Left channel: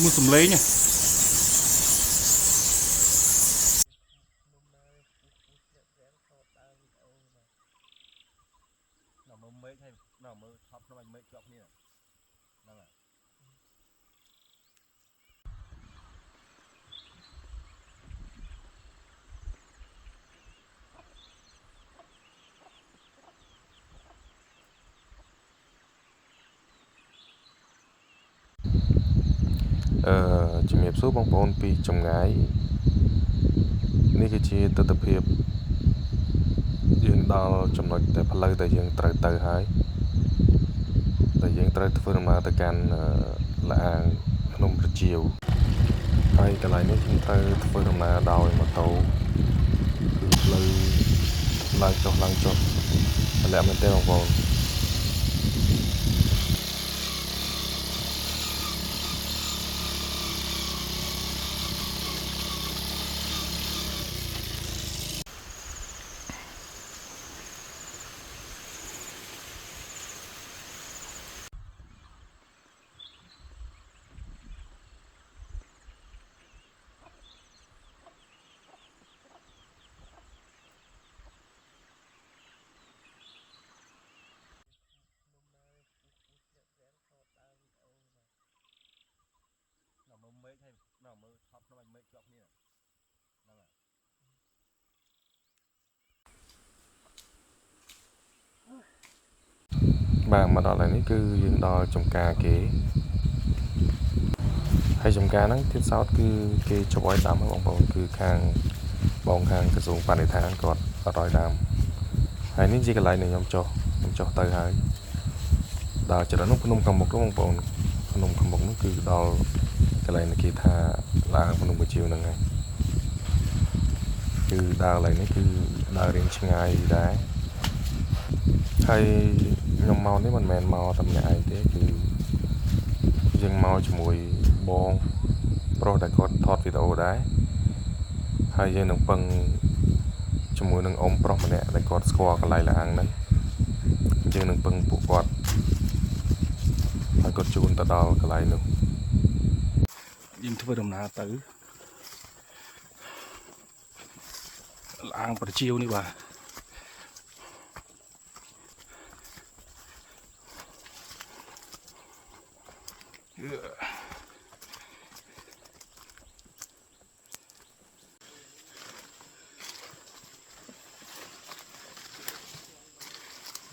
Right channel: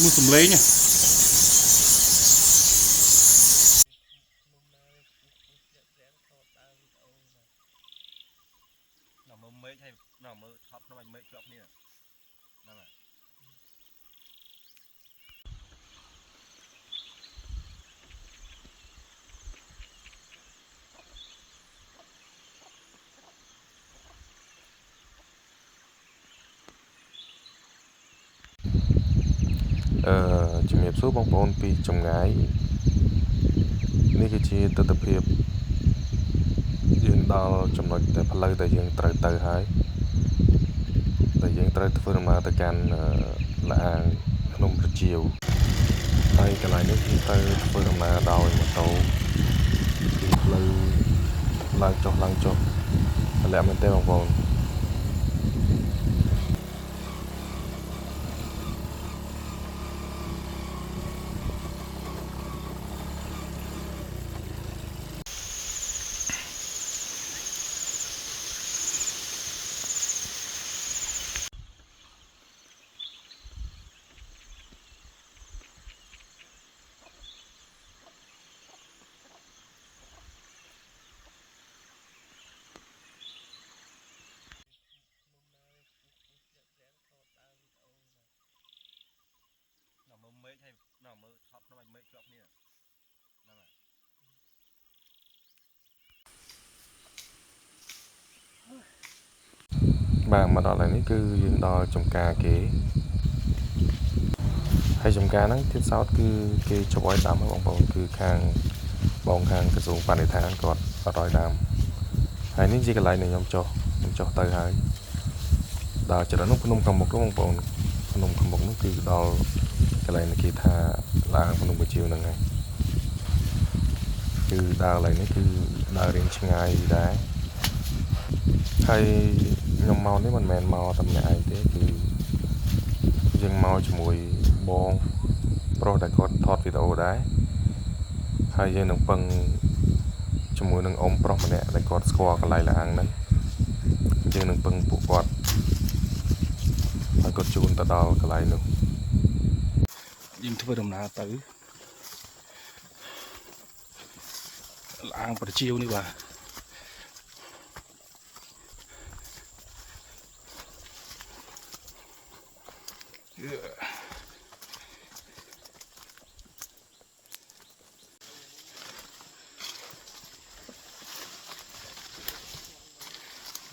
mua sầm lấy nhaជំរាបសួរបងប្អូនពីចម្ងាយនេះគឺជាទស្សនវិជ្ជាយើងដល់ចំណុចតែផ្លូវដែលយើងត្រូវទៅហើយដែលយើងត្រូវធ្វើដំណើរទៅកាន់លាអាងភ្នំប្រជាវហើយកន្លែងនេះយើងត្រូវធ្វើដំណើរដោយម៉ូតូគឺផ្លូវឡើងចុះតម្លាក់មែនទេបងប្អូនបាទមកដល់ហើយនេះគឺយើងដល់ចំការគេហើយចំការហ្នឹងទៀតសោតគឺគេចុះឲ្យដាំបងប្អូនគឺខាងបងខាងក្រសួងបរិស្ថានគាត់អត់ឲ្យដាំហើយនេះជាកន្លែងដែលខ្ញុំចុះទៅហើយដល់ចរន្តភ្នំខាងមុខបងប្អូនភ្នំខាងមុខនោះគឺដល់កន្លែងគេថាឡាងភ្នំប្រជាវហ្នឹងហើយគឺដើរកន្លែងនេះគឺដើររៀងឆ្ងាយដែរហើយខ្ញុំមកនេះមិនមែនមកតែម្នាក់ឯងទេគឺយើងមកជាមួយបងប្រុសដែលគាត់ថតវីដេអូដែរហើយយើងនឹងពឹងជាមួយនឹងអ៊ំប្រុសម្នាក់ដែលគាត់ស្គាល់កន្លែងឡាងហ្នឹងយើងនឹងពឹងពួកគាត់ហើយគាត់ជូនទៅដល់កន្លែងនោះយើងធ្វើដំណើរទៅឡាងប្រជាវនេះបាទ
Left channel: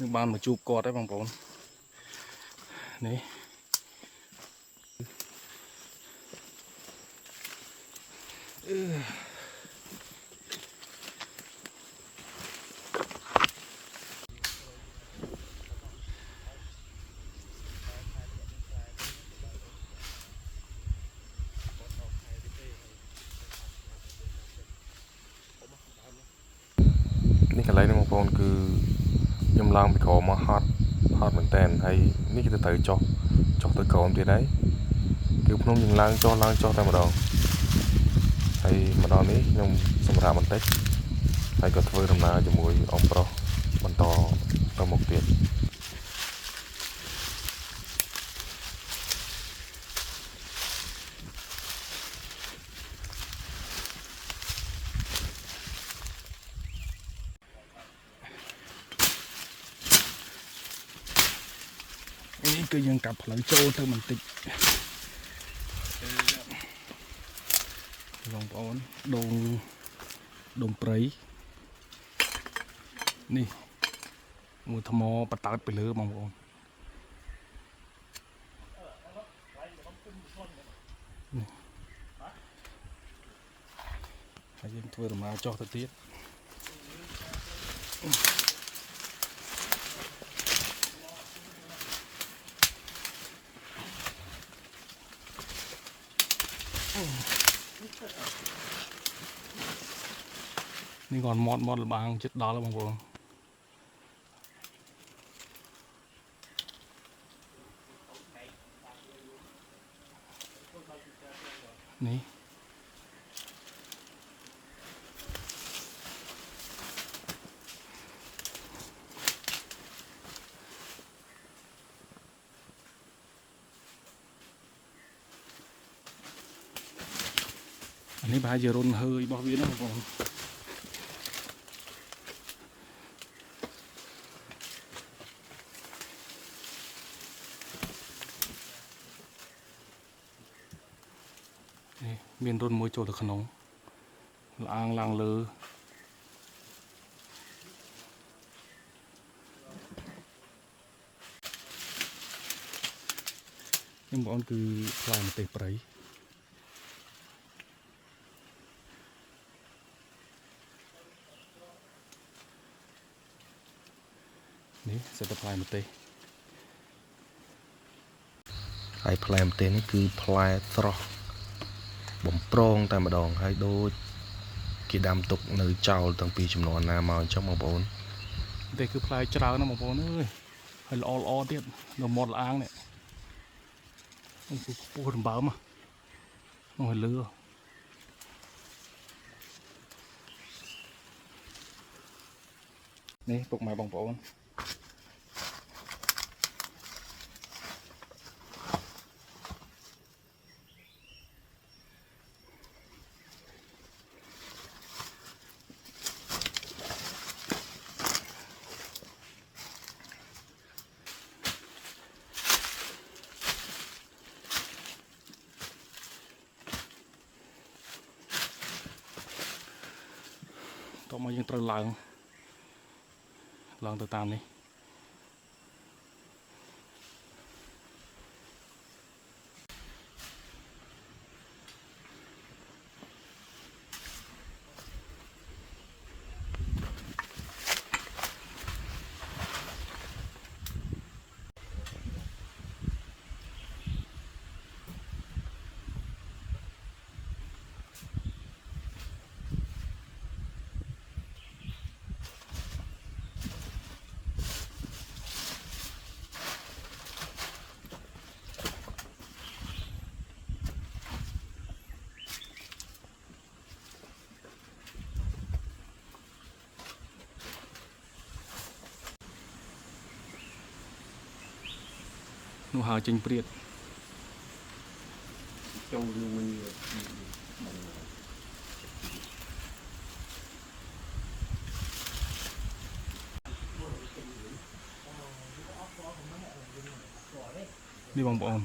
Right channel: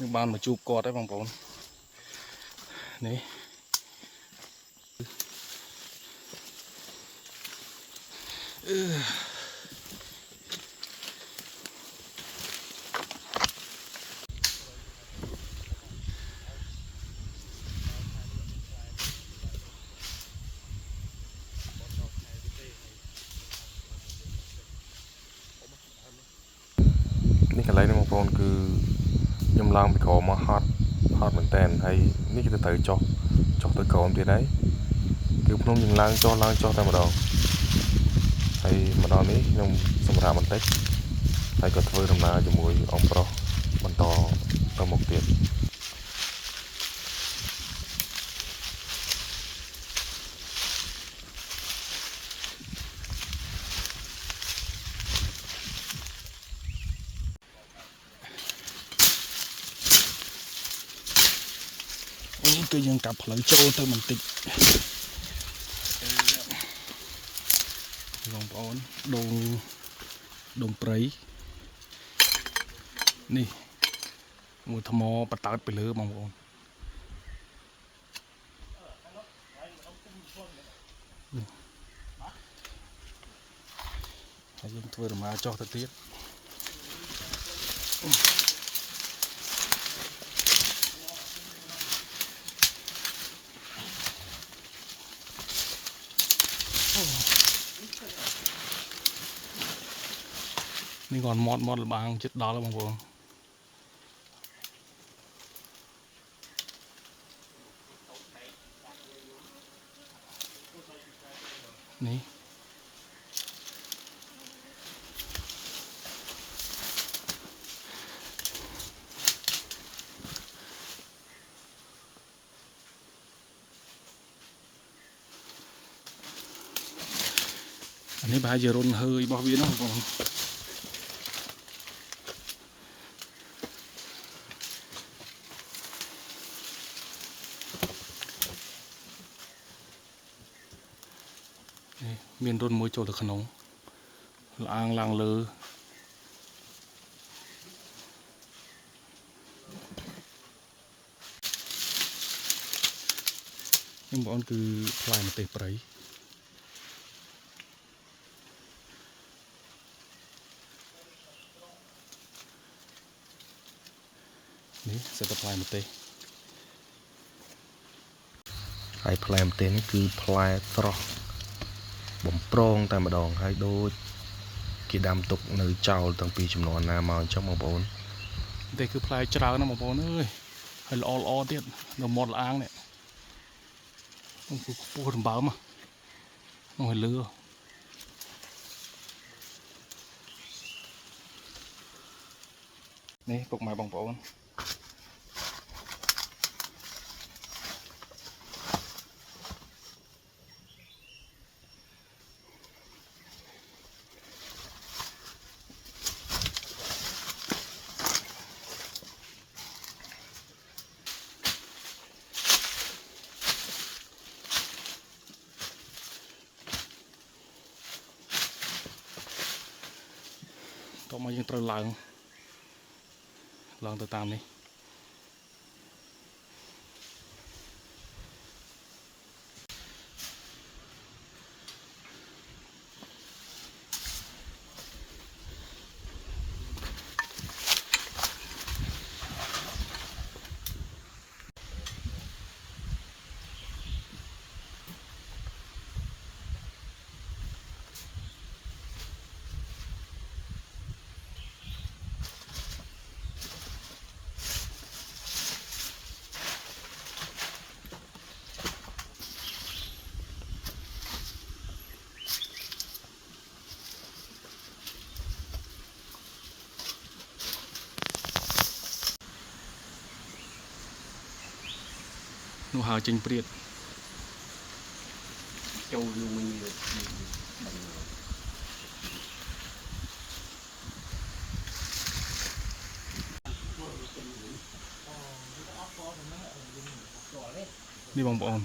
នឹងបានមកជួបគាត់ហើយបងប្អូននេះនេះកន្លែងនេះបងប្អូនគឺខ្ញុំឡើងពីក្រោមមកហត់មែនតើហើយនេះគឺទៅចុះទៅក្រោមទៀតហើយគឺភ្នំយើងឡើងចុះតែម្ដងហើយមកដល់នេះខ្ញុំសម្រាប់បន្តិចហើយក៏ធ្វើដំណើរជាមួយអ៊ំប្រុសបន្តទៅមុខទៀតនេះគឺយើងកាប់ផ្លូវចូលទៅបន្តិចបងប្អូនដងព្រៃនេះមួយថ្មបតើតទៅលើបងប្អូនហើយយើងធ្វើដំណើរចុះទៅទៀតនេះគាត់មាត់លបាងចិត្តដល់បងប្អូននេះ อันนี้บายจะรุนเฮยบ่วีนะผมนี่มีนรุนมวยโจลขนมล้างล้างเลยนี่บอกอันคือพลายมาเตะไปนี่เสร็จพลายมาเตะไอ้พลายมันเต้นี่คือพลายตรอกบ่มโปร่งแต่มาดองให้โดยกีดำตกในเจ้าตั้งปีจำนวนนามาจังมาบน เตะคือพลายเจ้านะบอกเอ้ยให้ล้อเตี้ยเราหมดล้างเนี่ยต้องพูดถึงบ้ามาต้องให้เลือนี่ปกไม้บางปอนต่อมายังตระลังตัวตามนี่นูหาจริงเปรียดchâu lưu minhนี่บางปอน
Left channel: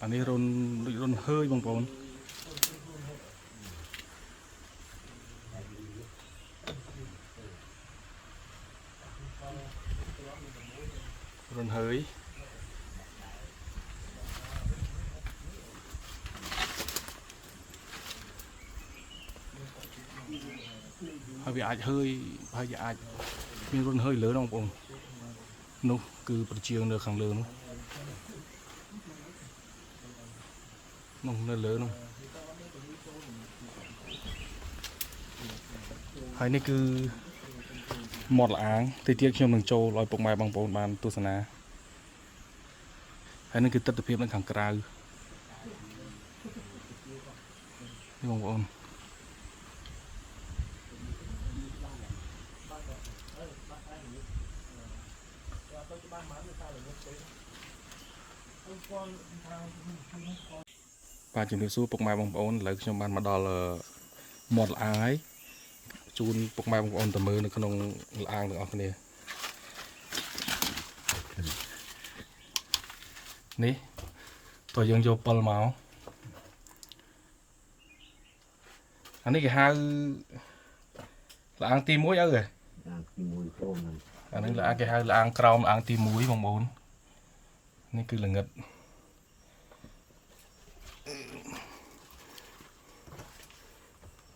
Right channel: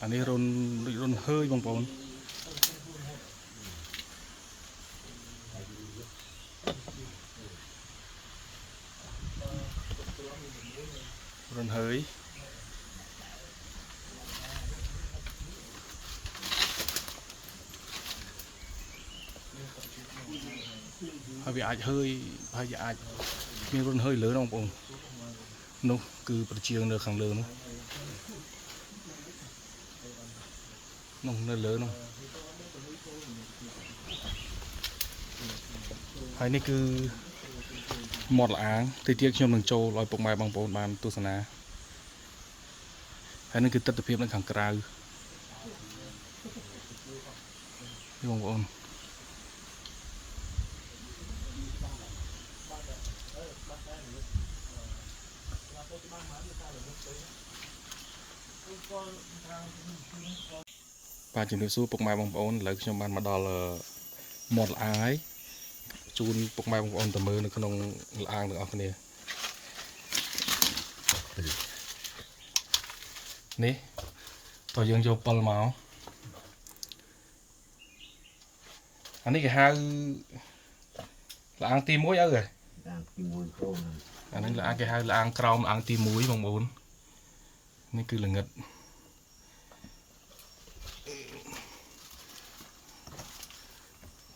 อันนี้รุนเฮ้ยบางปอนรุนเฮ้ยhay bị ai hơi hay bị ai miếng run hơi lớn không bông nó cứ bật chiêng được khẳng lớn nó lớn không hay này cứ một là áng thì tiếc cho mình trâu loài bông mai bằng bông bàn tu sana hay này cứ tất tập phim nó khẳng cào đi bông bông và chúng tôi bọc mai bông bông lấy cho bạn mà đo là một là ái chun bọc mai bông bông tầm mưa nó không lang được ở này ní tôi dừng cho pal máu anh ấy cái hai là ăn tim muối rồi anh ấy là cái hai là ăn crom ăn tim muối bông bôngนี่คือละเงิด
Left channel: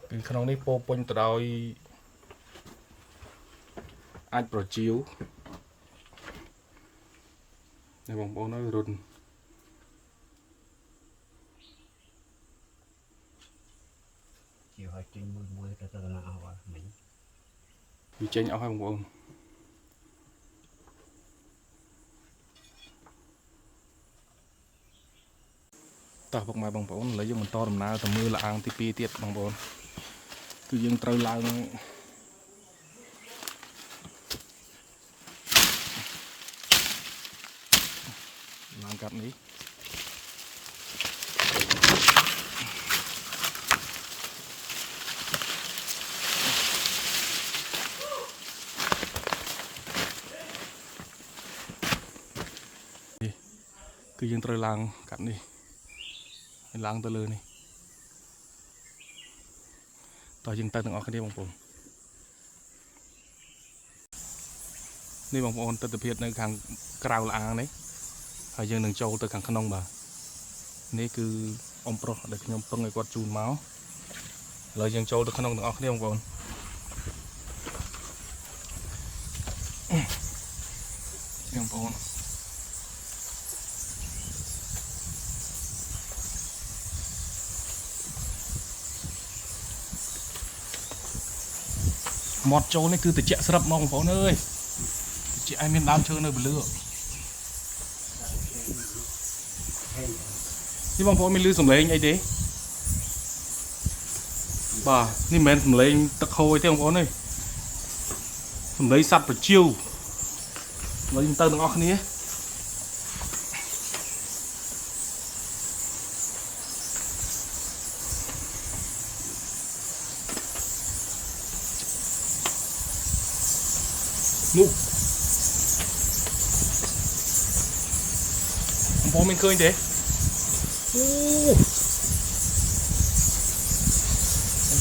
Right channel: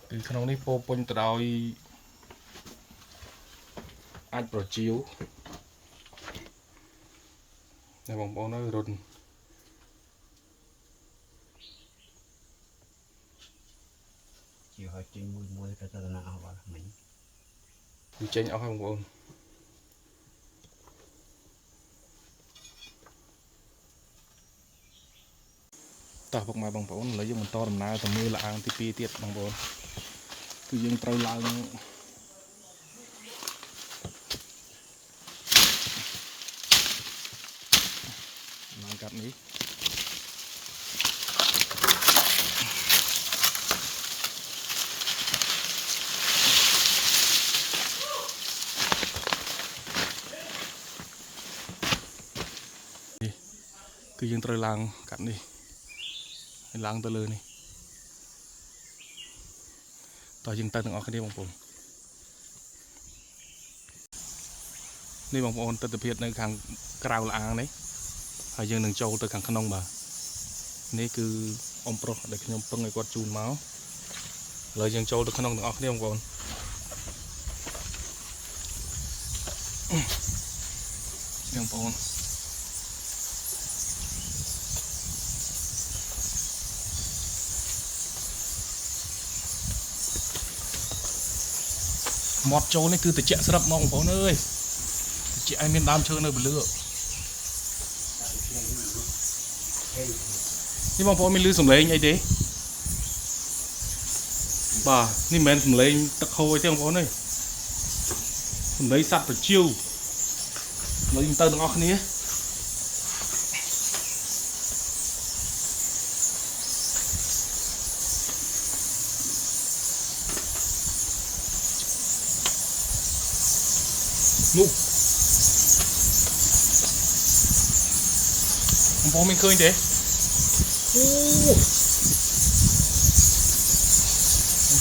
คือขนมนี้โปปนตรอยอัดโปรจิวในบางโปน้อยรุนจิวให้จริงมวยแต่ตะนาเอาว่าเหม็นจริงเอาให้บางโปต่อพวกมาบางปอนเลยยังมันต่อดำน้ำแต่มือละอังที่ปีเตียดบางปอนคือยังเตยลายนางกัดนี้ គឺយើងត្រូវឡើងកាត់នេះហើយឡើងទៅលើនេះតោះយើងទៅទាំងអស់គ្នាបងប្អូននេះបងប្អូនទស្សនវិជ្ជានៅខាងក្រៅលាងនេះហើយយើងនឹងចូលទៅខាងក្នុងបាទនេះគឺអ៊ំប្រុសដែលខ្ញុំពឹងឲ្យគាត់ជូនមកឥឡូវយើងចូលទៅក្នុងទាំងអស់គ្នាបងប្អូនបងប្អូនមាត់ចូលនេះគឺត្រជាក់ស្រាប់មកបងប្អូនអើយត្រជាក់ឲ្យមានដើមឈើនៅពលឺនេះបងប្អូនមានឮសំឡេងអីទេបាទនេះមិនមែនសំឡេងទឹកហូរទេបងប្អូនអើយសំឡេងសត្វប្រជៀវឥឡូវយើងទៅទាំងអស់គ្នានោះបងប្អូនមានឃើញទេអូ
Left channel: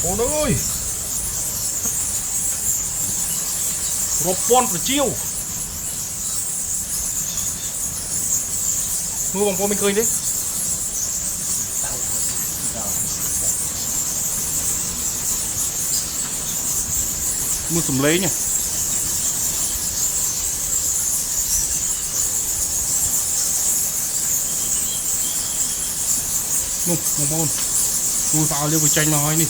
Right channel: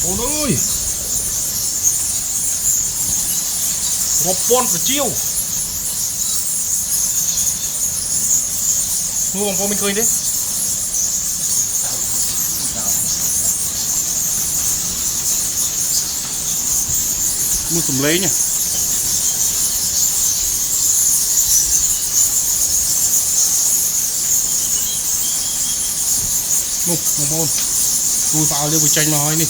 បងប្អូនអើយរាប់ពាន់ប្រជៀវនោះបងប្អូនមានឃើញទេមើលសំឡេងណានោះបងប្អូនគូស្អោលយើងវាចេញមកហើយនេះ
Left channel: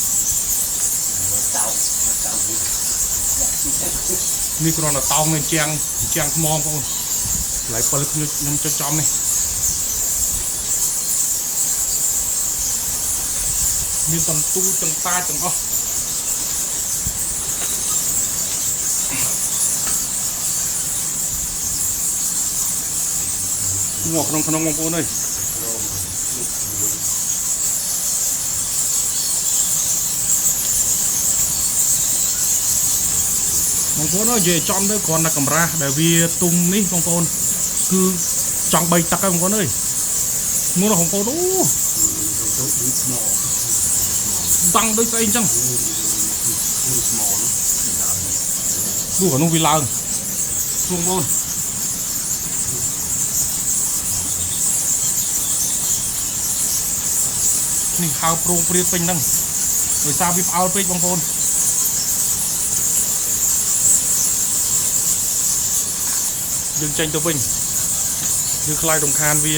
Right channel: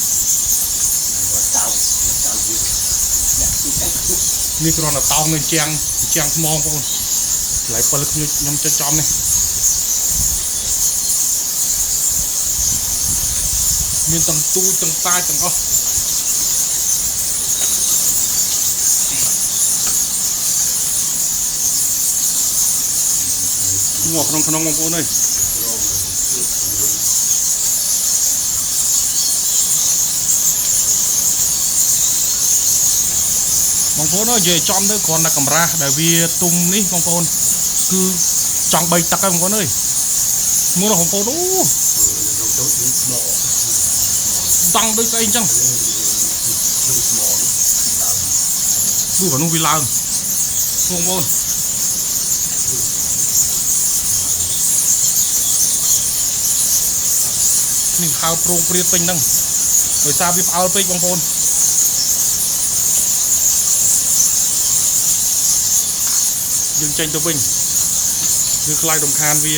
នេះគ្រាន់តែតោងនៅជាងថ្មបងប្អូនកន្លែងពិលខ្ញុំចុចចំនេះមានទាំងទូទាំងតាទាំងអស់ងក់ក្នុងបងប្អូនអើយបងប្អូនអើយនិយាយចំទៅគ្រាន់តែកម្រាស់ដែលវាទុំនេះបងប្អូនគឺចង់3ទឹកហើយបងប្អូនអើយមើលបងប្អូនអូតាំងដូចស្អីអញ្ចឹងនោះអានោះវាឡើងបងប្អូននេះហៅប្រងព្រាតពេញហ្នឹងដោយសារវាផ្អើលពេកបងប្អូនយើងចេញទៅវិញយើងខ្លាចរំខានវា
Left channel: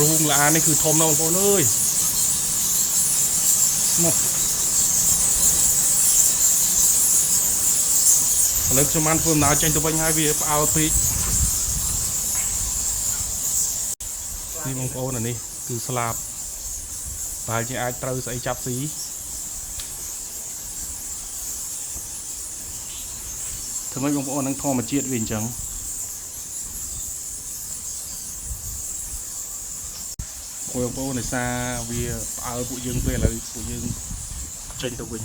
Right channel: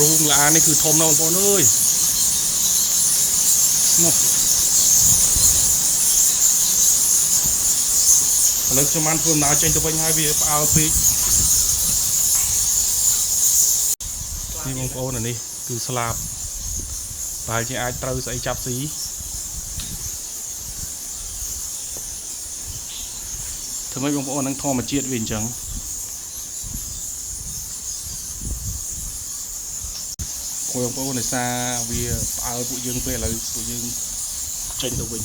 រូងឡានេះគឺធំណាស់បងប្អូនអើយនោះឥឡូវខ្ញុំបានធ្វើដំណើរចេញទៅវិញហើយវាផ្អើលពេកនេះបងប្អូនអានេះគឺស្លាបប្រហែលជាអាចត្រូវស្អីចាប់ស៊ីធ្វើម៉េចបងប្អូននឹងធម្មជាតិវាអញ្ចឹងបងប្អូនដោយសារវាផ្អើលពួកយើងពេលឥឡូវពួកយើងចេញទៅវិញ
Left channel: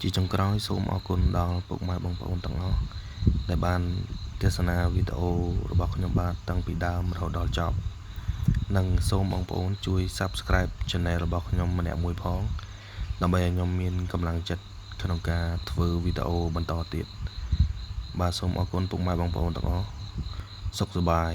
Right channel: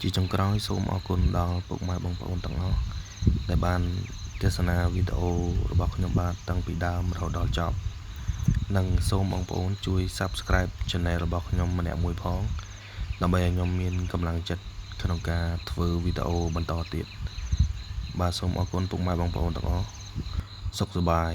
ជាចុងក្រោយសូមអរគុណដល់ពុកម៉ែបងប្អូនទាំងអស់ដែលបានទស្សនាវីដេអូរបស់ខ្ញុំបាទតាំងពីដើមរហូតដល់ចប់និងសូមបងប្អូនជួយ Subscribe Channel របស់ខ្ញុំម្នាក់មួយផងដើម្បីឲ្យខ្ញុំមានកម្លាំងចិត្តក្នុងការធ្វើវីដេអូបន្តទៀតបាទសូមអរគុណពុកម៉ែបងប្អូនទាំងអស់សុខសប្បាយ